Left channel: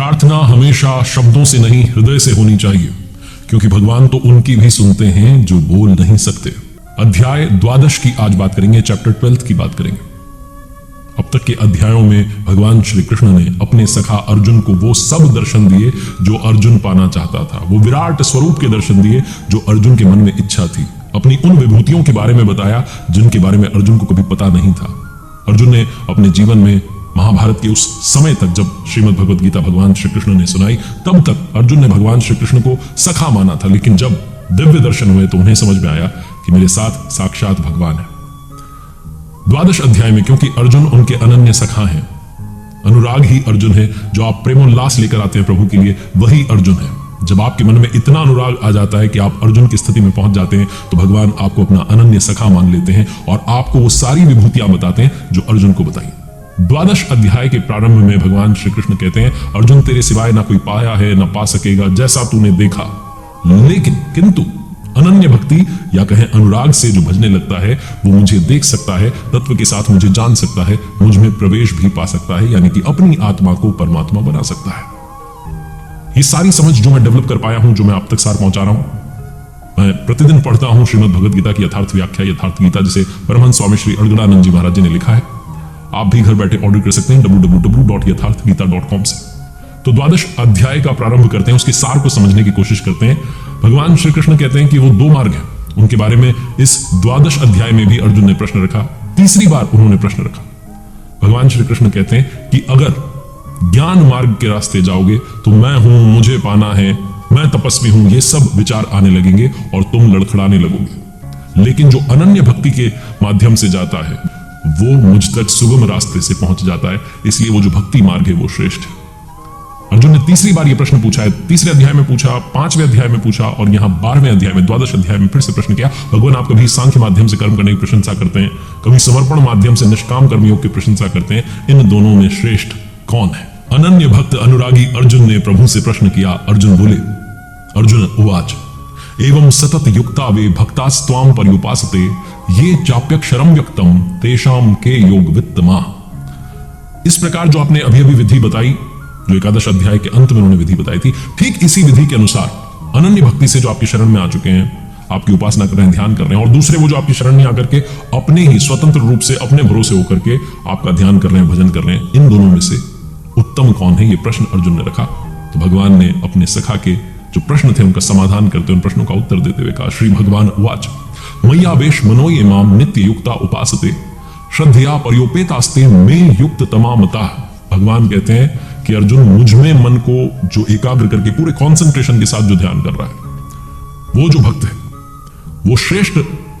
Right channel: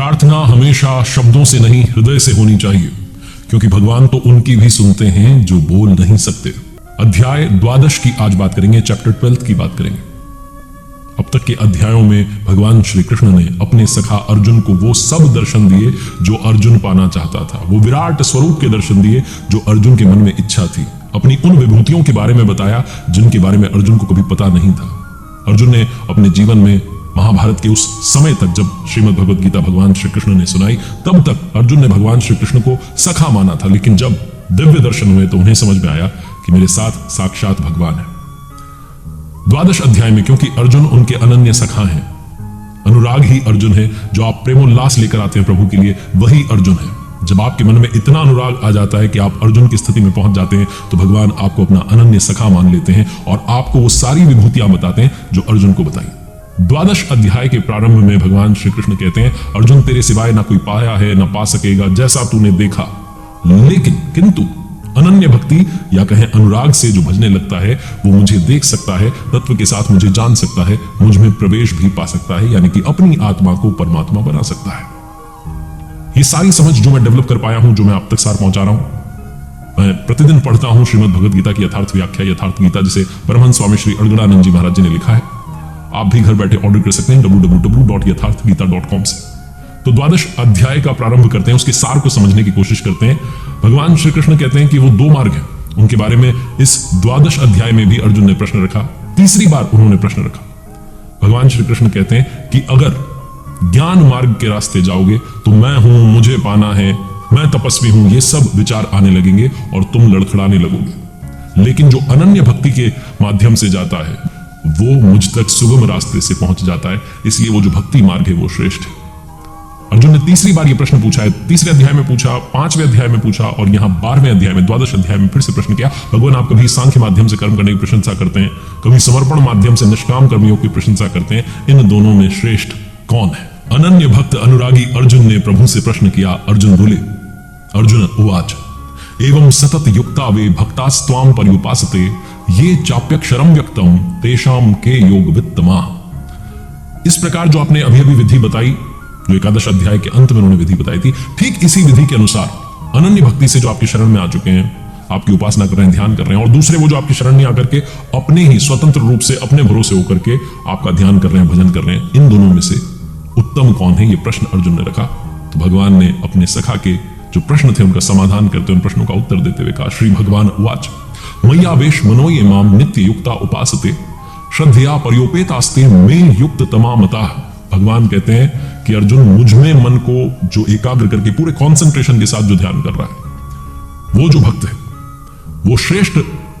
प्रार्थना हमेशा शब्दों से नहीं हृदय से होनी चाहिए, क्योंकि भगवान तो उनकी भी सुनते हैं जो बोल नहीं सकते। अध्याय 12 की आज बात करेंगे, चैप्टर 12 की बात करेंगे। अब तक के अध्यायों में भगवान श्री कृष्ण ने अपने सखा अर्जुन को वो सब दर्शन दिए जो अर्जुन पाना चाहता था। वो विराट स्वरूप के दर्शन दिए जो अर्जुन के मन में इच्छा थी। अपनी उन विभूतियों के बारे में बताया जिनके बारे में अर्जुन को कभी पता नहीं था। अर्जुन ने अपने जीवन में महाभारत के उस समय तक, जब श्रीमद् भगवद गीता भगवान श्री कृष्ण ने सुनाई, तब तक अर्जुन ने भगवान श्री कृष्ण को सखा माना था। लेकिन जब दिव्य दर्शन हुए तो उन्हें समझ में आया कि मेरे साथ साक्षात भगवान है। 12 अध्याय में, क्योंकि अर्जुन उनके अनन्य सखा हैं, अनुराग ही अर्जुन है, जो आप प्रेमोल्लास लेकर आते हैं प्रभु के लिए, वही अर्जुन है। जब आपके मन में इतना अनुराग आ जाता है कि आप अर्जुन की स्थिति में पहुंच जाते हैं, तो भगवान आपको अपना अनन्य सखा मान लेते हैं और आपको वो सारी विभूतियां बताते हैं जो अर्जुन को बताई। 12 अध्याय के प्रारंभ में भगवान श्री कृष्ण कहते हैं, अर्जुन तेरे सिवाय ना कोई पाया है ना पा सकेगा जैसा तूने देखा, लेकिन किंतु अनन्य भक्ति या कहें अनुराग से जो भजने लगता है वो मुझे देख सकता है, तत्व के साथ मुझे जान सकता है, मुझ में प्रवेश भी पा सकता है, यानी कि अपनी आत्मा को परमात्मा बना सकता है। ये सारी समझ जो मैं डेवलप कर पाया हूं, जो मैं आप तक सार पहुंचा रहा हूं, मैं प्रतिदिन पढ़ता हूं श्रीमद् भगवद गीता की यथार्थ व्याख्या, यथार्थ गीता, जिसे परमहंस स्वामी श्री अलगड़ानंद जी महाराज जी ने लिखा है। आप भी घर बैठे ऑर्डर कर सकते हैं www.yatharthgita.com से। तो 12 अध्याय का प्रारंभ करते हैं, उसके सार को समझने की कोशिश करते हैं। भगवान श्री कृष्ण कहते हैं कि वो 2 मार्ग हैं, उनके बारे में इस 12 अध्याय में भी अर्जुन ने प्रश्न रखा। तीसरी बार उन्होंने प्रश्न रखा। भगवान श्री कृष्ण कहते हैं कि अगर ज्ञान मार्ग के रास्ते जाओगे तो मैं हूं, मुझे पाना है, मैं तपस्वी हूं, ये सब विचार आने लगेंगे और तुम लड़खड़ाने लगोगे। लेकिन जो अनन्य भक्ति के माध्यम से जाता है वो मुझ तक सुगम रास्ते से पहुंच जाता है, इसलिए वो जो भक्ति मार्ग है वो श्रेष्ठ है। अर्जुन ने तीसरी बार ये प्रश्न पूछा है, तीसरे अध्याय में पूछा, 5वें अध्याय में पूछा और यहाँ 12वें अध्याय में 12 अध्याय में फिर से प्रश्न किया। भगवान आप कभी सांख्य माध्यम से कर्म करने की प्रशंसा करते हैं, कभी समर्पण माध्यम से निष्काम कर्मियों की प्रशंसा करते हैं, इन दोनों में श्रेष्ठ कौन है? अनन्य भक्त अनुरागी अर्जुन ने प्रभु से प्रश्न किया। अर्जुन बोले, अर्जुन उवाच एवं सतत युक्ता वे भक्तास्त्वाम पर्युपासते ये चाप्यक्षरम व्यक्तम तेषाम के योग वित्तमा। इस प्रकार जो आपने अभी अभी विधि बताई, जो 11 अध्याय के अंत में उन्होंने विधि बताई थी, ठीक इसी विधि के अनुसार अनन्य भक्ति से जो आपकी शरण में आ चुके हैं, आपकी उपासना कर रहे हैं, ध्यान कर रहे हैं, और दूसरे वो जो आपकी शरण में आकर के अपने ही स्वतंत्र रूप से अपने भरोसे होकर के आपका ध्यान कर रहे हैं, भजन कर रहे हैं, इन दोनों में से उत्तम कौन है? ये प्रश्न अर्जुन ने रखा। तो भगवान ने अपने सखा के जो प्रश्न थे उनका समाधान करते, उन प्रश्नों का उत्तर देते हुए कहा, श्री भगवान उवाच मय्यावेश मनो ये माम नित्य युक्ता उपासते श्रद्धया पर्योपेतास्ते में युक्त तमामतः। भगवान कहते हैं कि अर्जुन, मुझ में मन को जो एकाग्र करके पूरे कंसंट्रेशन के साथ जो ध्यान कर रहा है, वो जो भक्त है वो श्रेष्ठ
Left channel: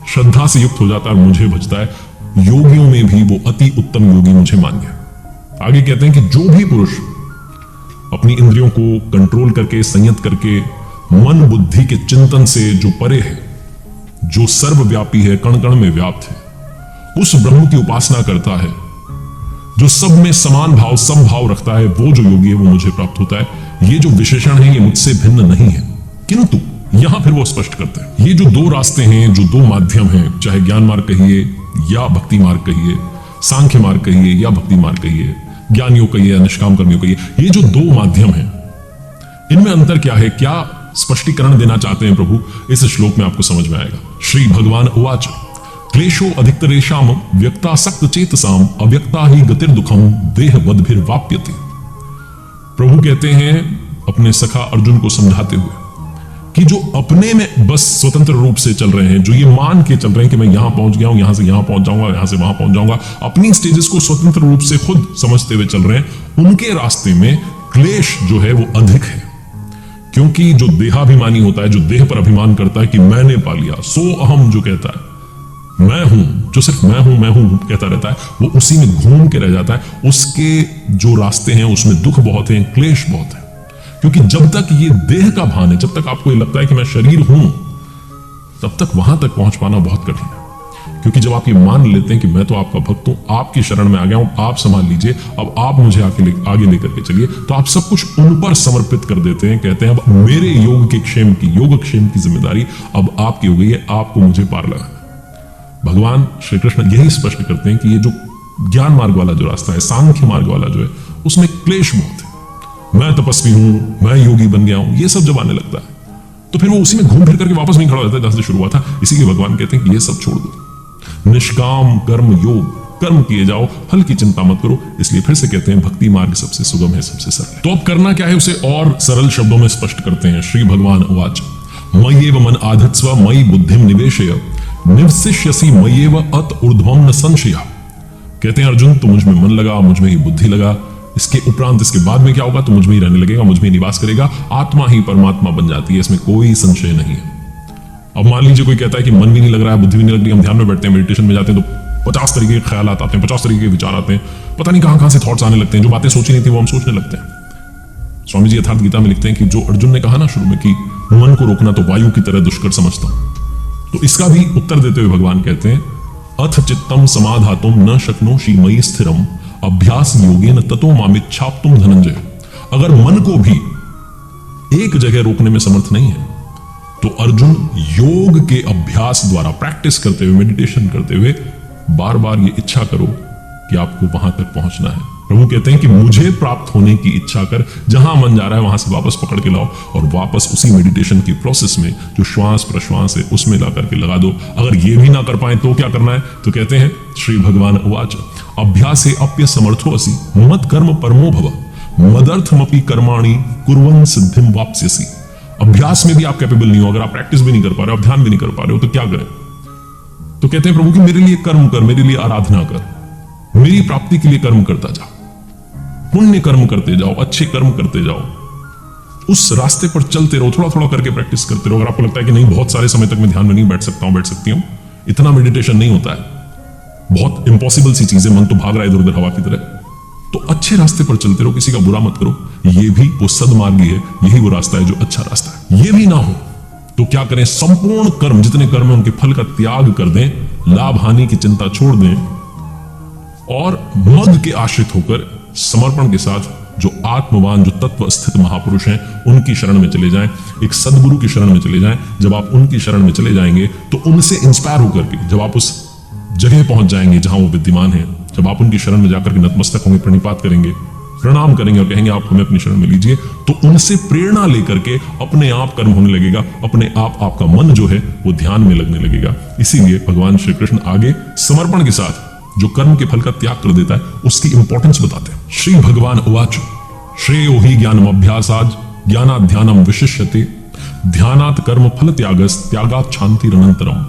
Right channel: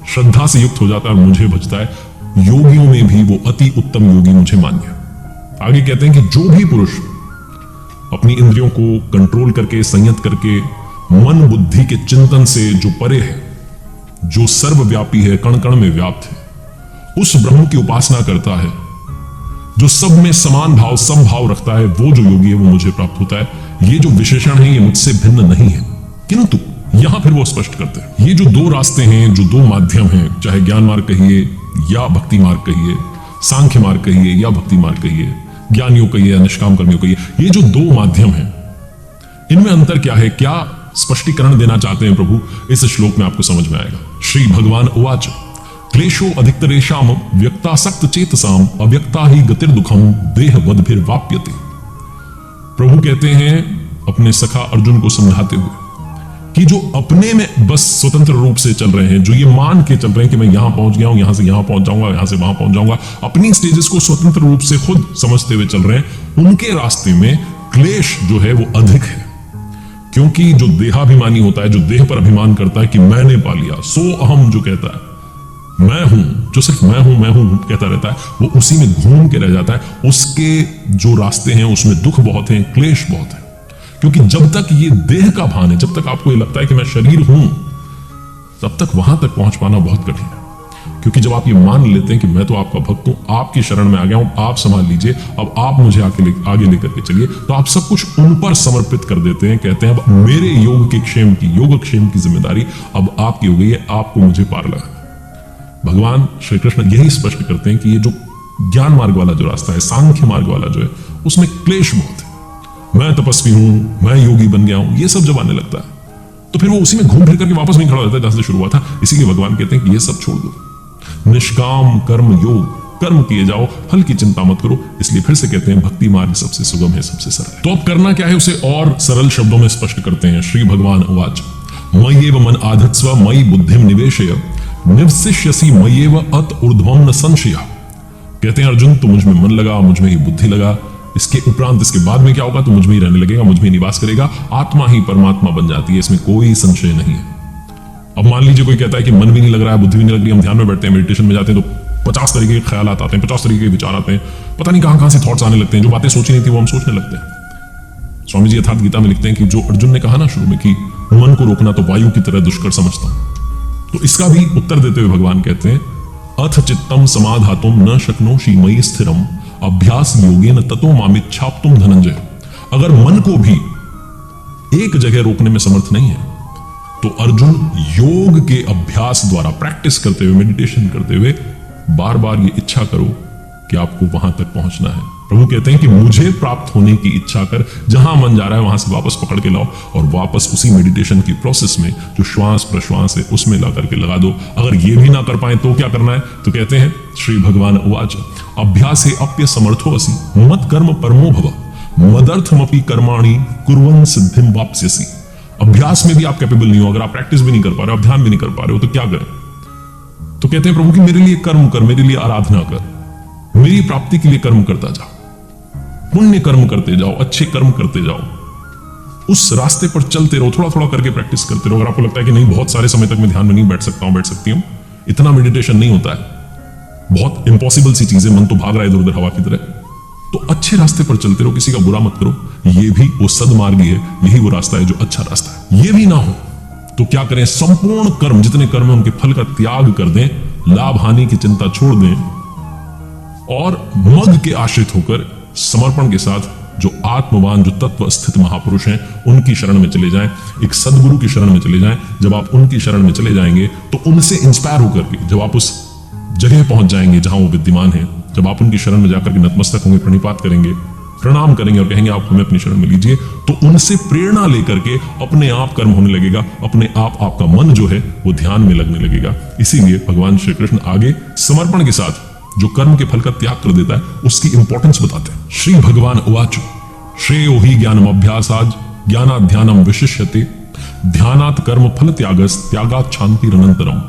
श्रद्धा से युक्त हो जाता है, मुझे भजता है। योगियों में भी वो अति उत्तम योगी मुझे मान गया। आगे कहते हैं कि जो भी पुरुष अपनी इंद्रियों को कंट्रोल करके, संयत करके, मन बुद्धि के चिंतन से जो परे है, जो सर्वव्यापी है, कण कण में व्याप्त है, उस ब्रह्म की उपासना करता है, जो सब में समान भाव समभाव रखता है, वो जो योगी है वो मुझे प्राप्त होता है। ये जो विशेषण है ये मुझसे भिन्न नहीं है। किंतु यहां फिर वो स्पष्ट करते हैं, ये जो 2 रास्ते हैं, जो 2 माध्यम हैं, चाहे ज्ञान मार्ग कहिए या भक्ति मार्ग कहिए, सांख्य मार्ग कहिए या भक्ति मार्ग कहिए, ज्ञान योग कहिए या निष्काम कर्म योग कहिए, ये जो 2 माध्यम हैं, इनमें अंतर क्या है? क्या स्पष्टीकरण देना चाहते हैं प्रभु? इस श्लोक में आपको समझ में आएगा। श्री भगवान उवाच क्लेशो अधिकतरेषाम व्यक्तासक्त चेतसाम अव्यक्ता ही गतिर्दुखम देहवद्भिर्वाप्यते। प्रभु कहते हैं अपने सखा अर्जुन को समझाते हुए कि जो अपने में बस स्वतंत्र रूप से चल रहे हैं, जो ये मान के चल रहे हैं कि मैं यहां पहुंच गया हूं, यहां से यहां पहुंच जाऊंगा, यहां से वहां पहुंच जाऊंगा, अपनी स्टेजेस को स्वतंत्र रूप से खुद समझते हुए चल रहे हैं, उनके रास्ते में क्लेश जो है वो अधिक है। क्योंकि जो देहाभिमानी होता है, जो देह पर अभिमान करता है कि मैंने पा लिया, सो अहम जो कहता है, मैं हूं, जो सिर्फ मैं हूं कहता रहता है, वो उसी में घूम के रह जाता है। उसके जो रास्ते हैं उसमें दुख बहुत है, क्लेश बहुत है। क्योंकि जब तक ये देह का भान है, जब तक आपको ये लगता है कि मैं शरीर हूं, तब तक वहां तक पहुंच पाना बहुत कठिन है। क्योंकि जब आप ये मान लेते हैं कि मैं तो आपका भक्त हूं, आपकी शरण में आ गया हूं, आप संभाल लीजिए, अब आप मुझे आगे लेकर के चलिए, तो आप सब कुछ उन पर समर्पित कर देते हैं। कहते हैं अब मेरे योग के क्षेम की, योगक्षेम की जिम्मेदारी अब आपकी हो गई है, आपको मुझे पार करना है। भगवान श्री कृष्ण यही स्पष्ट करते हैं कि ये जो ज्ञान मार्ग वाला जो रास्ता है, सांख्य मार्ग वाला जो है, उसमें क्लेश बहुत है। मैं तपस्वी हूं, मैं योगी बन गया हूं, ये सब जब आने लगता है तो फिर वो उसी में घूम फिर करके वापस नहीं खड़ा हो जाता जहां से शुरू हुआ था। इसीलिए भगवान कहते हैं कि ये सब छोड़ दो, निष्काम कर्म योग, कर्म किए जाओ, फल की चिंता मत करो। इसलिए फिर से कहते हैं भक्ति मार्ग सबसे सुगम है, सबसे सरल। तो अब करना क्या है उसे और सरल शब्दों में स्पष्ट करते हैं। श्री भगवान उवाच मय्येव मन आधत्स्व मयि बुद्धिम निवेशय निवसिष्यसि मय्येव अत ऊर्ध्वं न संशयः। कहते हैं अर्जुन तुम मुझ में मन लगा, मुझ में ही बुद्धि लगा, इसके उपरांत इसके बाद में क्या होगा, तो मुझ में ही रहने लगेगा, मुझ में ही निवास करेगा, आत्मा ही परमात्मा बन जाती है, इसमें कोई संशय नहीं है। अब मान लीजिए कोई कहता है कि मन भी नहीं लग रहा है, बुद्धि भी नहीं लग रही, हम ध्यान में बैठते हैं, मेडिटेशन में जाते हैं तो 50 तरीके के ख्याल आते हैं, 50 तरीके के विचार आते हैं, पता नहीं कहां से थॉट्स आने लगते हैं, जो बातें सोची नहीं थी वो हम सोचने लगते हैं। स्वामी जी यथार्थ गीता में लिखते हैं कि जो अर्जुन ने कहा ना शुरू में कि मन को रोकना तो वायु की तरह दुष्कर समझता हूं, तो इसका भी उत्तर देते हुए भगवान कहते हैं अथ चित्तम समाधातुम न शक्नोषि मयि स्थिरम अभ्यास योगेन ततो मामिच्छाप्तुम धनंजय। अगर मन को भी एक जगह रोकने में समर्थ नहीं है तो अर्जुन योग के अभ्यास द्वारा प्रैक्टिस करते हुए, मेडिटेशन करते हुए बार बार ये इच्छा करो कि आपको वहां तक पहुंचना है। प्रभु कहते हैं कि मुझे प्राप्त होने की इच्छा कर, जहां मन जा रहा है वहां से वापस पकड़ के लाओ और वापस उसी मेडिटेशन की प्रोसेस में जो श्वास प्रश्वास है उसमें ला करके लगा दो। अगर ये भी ना कर पाए तो क्या करना है, तो कहते हैं श्री भगवान उवाच अभ्यासे अप्य समर्थो असि मत कर्म परमो भव मदर्थमपि कर्माणि कुर्वन् सिद्धिं वाप्स्यसि। अभ्यास में भी आप कैपेबल नहीं हो, अगर आप प्रैक्टिस भी नहीं कर पा रहे हो, ध्यान भी नहीं कर पा रहे हो, तो क्या करें, तो कहते हैं प्रभु कि मेरे लिए कर्म कर, मेरे लिए आराधना कर, मेरी प्राप्ति के लिए कर्म करता जा, पुण्य कर्म करते जाओ, अच्छे कर्म करते जाओ, उस रास्ते पर चलते रहो, थोड़ा थोड़ा करके प्रैक्टिस करते रहो। अगर आपको लगता है कि नहीं बहुत सारे समय तक मैं ध्यान में नहीं बैठ सकता हूं, बैठ सकती हूं, इतना मेडिटेशन नहीं होता है, बहुत इंपॉसिबल सी चीजें, मन तो भाग रहा है इधर उधर हवा की तरह, तो अच्छे रास्ते पर चलते रहो, किसी का बुरा मत करो, ये भी वो सदमार्गी है, यही वो रास्ता है जो अच्छा रास्ता है। ये भी ना हो तो क्या करें, संपूर्ण कर्म जितने कर्म है उनके फल का त्याग कर दें, लाभ हानि की चिंता छोड़ दें और मद के आश्रित होकर समर्पण के साथ जो आत्मवान, जो तत्व स्थित महापुरुष हैं उनकी शरण में चले जाएं, एक सदगुरु की शरण में चले जाएं। जब आप उनकी शरण में चले जाएंगे तो उनसे इंस्पायर होकर के जब आप उस जगह पहुंच जाएंगे जहां वो विद्यमान है, जब आप उनकी शरण में जाकर के नतमस्तक होंगे, प्रणिपात करेंगे, प्रणाम करेंगे और कहेंगे आप हमें अपनी शरण में लीजिए, तो उनसे प्रेरणा लेकर के अपने आप कर्म होने लगेगा, अपने आप आपका मन जो है वो ध्यान में लगने लगेगा। इसीलिए भगवान श्री कृष्ण आगे समर्पण के साथ जो कर्म के फल का त्याग कर देता है उसकी इंपॉर्टेंस बताते हैं। श्री भगवान उवाच श्रेयो हि ज्ञानम अभ्यासाद ज्ञानात् ध्यानम विशिष्यते ध्यानात् कर्म फल त्यागात् शांतिरनंतरम।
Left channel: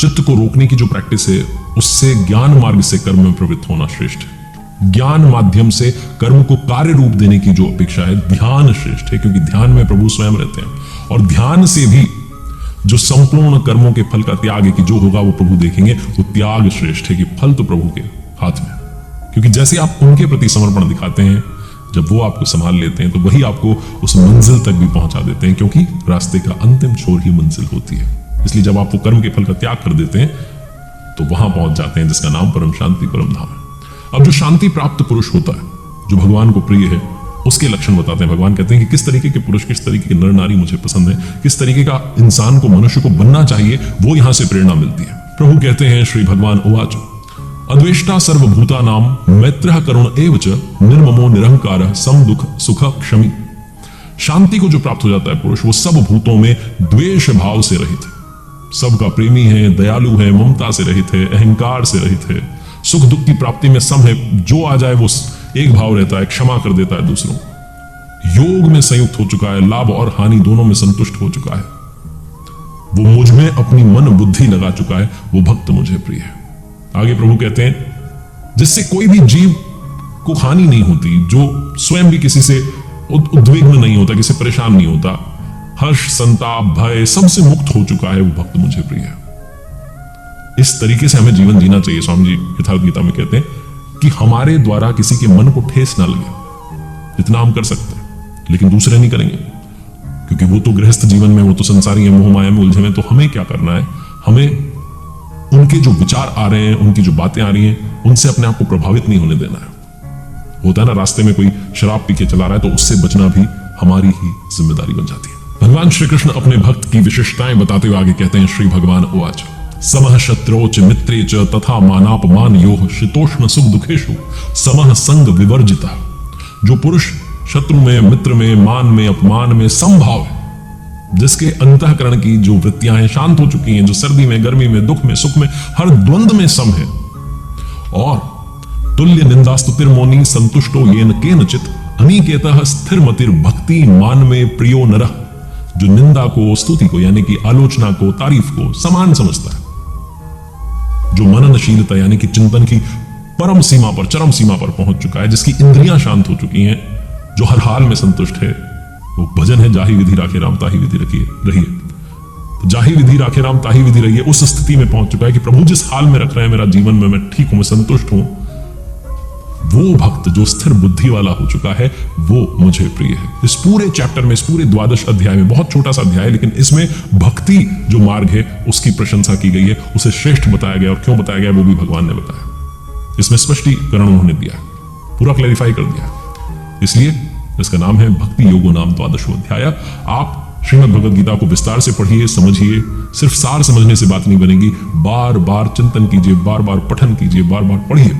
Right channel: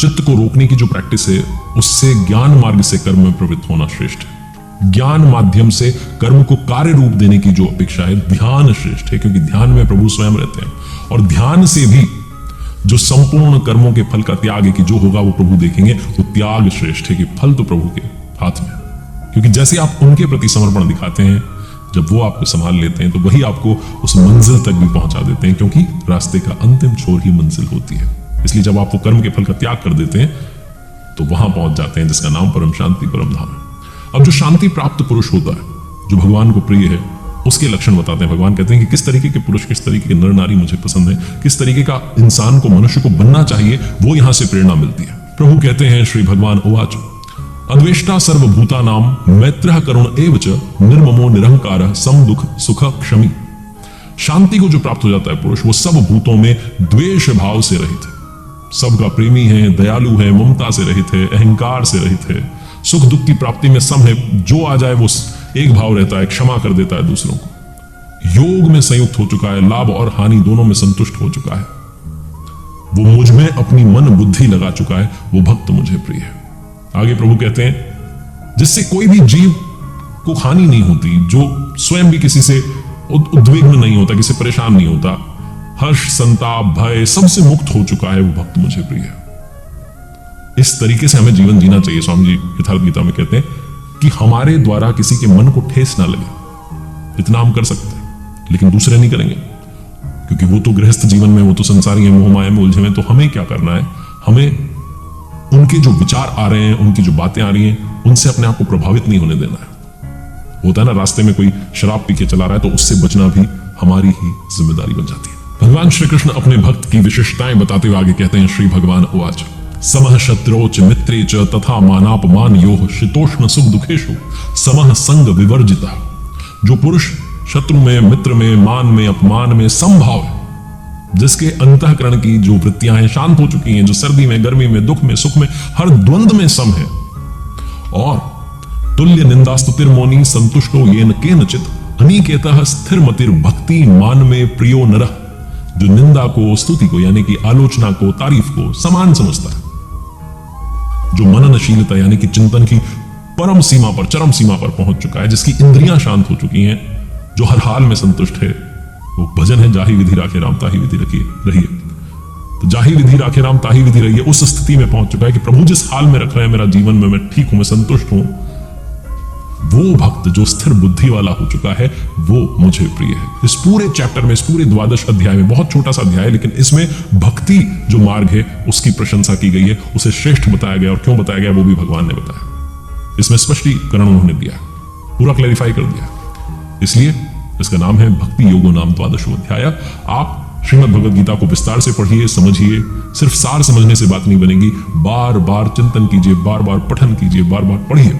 चित्त को रोकने की जो प्रैक्टिस है उससे ज्ञान मार्ग से कर्म में प्रवृत्त होना श्रेष्ठ है। ज्ञान माध्यम से कर्म को कार्य रूप देने की जो अपेक्षा है ध्यान श्रेष्ठ है, क्योंकि ध्यान में प्रभु स्वयं रहते हैं और ध्यान से भी जो संपूर्ण कर्मों के फल का त्याग है कि जो होगा वो प्रभु देखेंगे, तो त्याग श्रेष्ठ है कि फल तो प्रभु के हाथ में है। क्योंकि जैसे आप उनके प्रति समर्पण दिखाते हैं, जब वो आपको संभाल लेते हैं तो वही आपको उस मंजिल तक भी पहुंचा देते हैं, क्योंकि रास्ते का अंतिम छोर ही मंजिल होती है। इसलिए जब आप वो कर्म के फल का त्याग कर देते हैं तो वहां पहुंच जाते हैं जिसका नाम परम शांति परम धाम है। अब जो शांति प्राप्त पुरुष होता है, जो भगवान को प्रिय है, उसके लक्षण बताते हैं। भगवान कहते हैं कि किस तरीके के पुरुष, किस तरीके के नर नारी मुझे पसंद है, किस तरीके का इंसान को, मनुष्य को बनना चाहिए, वो यहां से प्रेरणा मिलती है। प्रभु कहते हैं श्री भगवान उवाच अद्वेष्टा सर्वभूतानां मैत्रः करुण एव च निर्ममो निरंकार समदुख सुख क्षमी। शांति को जो प्राप्त हो जाता है पुरुष, वो सब भूतों में द्वेष भाव से रहित है, सबका प्रेमी है, दयालु है, ममता से रहित है, अहंकार से रहित है, सुख दुख की प्राप्ति में सब है, जो आ जाए वो एक भाव रहता है, क्षमा कर देता है दूसरों को, योग में संयुक्त हो चुका है, लाभ और हानि दोनों में संतुष्ट हो चुका है, वो मुझ में अपनी मन बुद्धि लगा चुका है, वो भक्त मुझे प्रिय है। आगे प्रभु कहते हैं जिससे कोई भी जीव को हानि नहीं होती, जो स्वयं भी किसी से उद्विग्न नहीं होता, किसी परेशान नहीं होता, हर्ष संताप भय सबसे मुक्त हो चुका है, वो भक्त मुझे प्रिय है। इस तरीके से हमें जीवन जीना चाहिए। स्वामी जी यथार्थ गीता में कहते हैं कि हमारे द्वारा किसी के मन को ठेस ना लगे, इतना हम कर सकते हैं, लेकिन दूसरे नहीं करेंगे, क्योंकि वो तो गृहस्थ जीवन में, वो तो संसारी है, मोह माया में उलझे हुए। तो हमें क्या करना है, हमें उनके जो विचार आ रहे हैं, उनकी जो बातें आ रही हैं, उनसे अपने आप को प्रभावित नहीं होने देना है। होता है ना, रास्ते में कोई शराब पी के चला रहा है तो उससे बचना भी हमारी ही जिम्मेदारी बन जाती है। भगवान श्री कृष्ण अपने भक्त की विशिष्टताएं बताते हुए आगे कहते हैं श्री भगवान उवाच समः शत्रौ च मित्रे च तथा मानापमान योः शीतोष्ण सुख दुखेषु समः संग विवर्जिता। जो पुरुष शत्रु में, मित्र में, मान में, अपमान में समभाव है, जिसके अंतःकरण की जो वृत्तियां शांत हो चुकी हैं, जो सर्दी में, गर्मी में, दुख में, सुख में, हर द्वंद में सम है। और तुल्य निंदास्तुतिर मौनी संतुष्टो येन केनचित अनिकेतः स्थिर मतिर भक्ति मान में प्रियो नरः, जो निंदा को, स्तुति को यानी कि आलोचना को, तारीफ को समान समझता है, जो मननशीलता यानी कि चिंतन की परम सीमा पर, चरम सीमा पर पहुंच चुका है, जिसकी इंद्रियां शांत हो चुकी हैं, जो हर हाल में संतुष्ट है, वो भजन है जाहि विधि राखे राम ताहि विधि रहिए। तो जाहि विधि राखे राम ताहि विधि रहिए उस स्थिति में पहुंच चुका है कि प्रभु जिस हाल में रख रहे हैं मेरा जीवन में, मैं ठीक हूं, मैं संतुष्ट हूं। वो भक्त जो स्थिर बुद्धि वाला हो चुका है वो मुझे प्रिय है। इस पूरे चैप्टर में, इस पूरे द्वादश अध्याय में, बहुत छोटा सा अध्याय है लेकिन इसमें भक्ति जो मार्ग है उसकी प्रशंसा की गई है, उसे श्रेष्ठ बताया गया। और क्यों बताया गया वो भी भगवान ने बताया, इसमें स्पष्टीकरण उन्होंने दिया, पूरा क्लैरिफाई कर दिया। इसलिए इसका नाम है भक्ति योगो नाम द्वादशो अध्याय। आप श्रीमद् भगवद गीता को विस्तार से पढ़िए, समझिए। सिर्फ सार समझने से बात नहीं बनेगी, बार बार चिंतन कीजिए, बार बार पठन कीजिए, बार बार पढ़िए।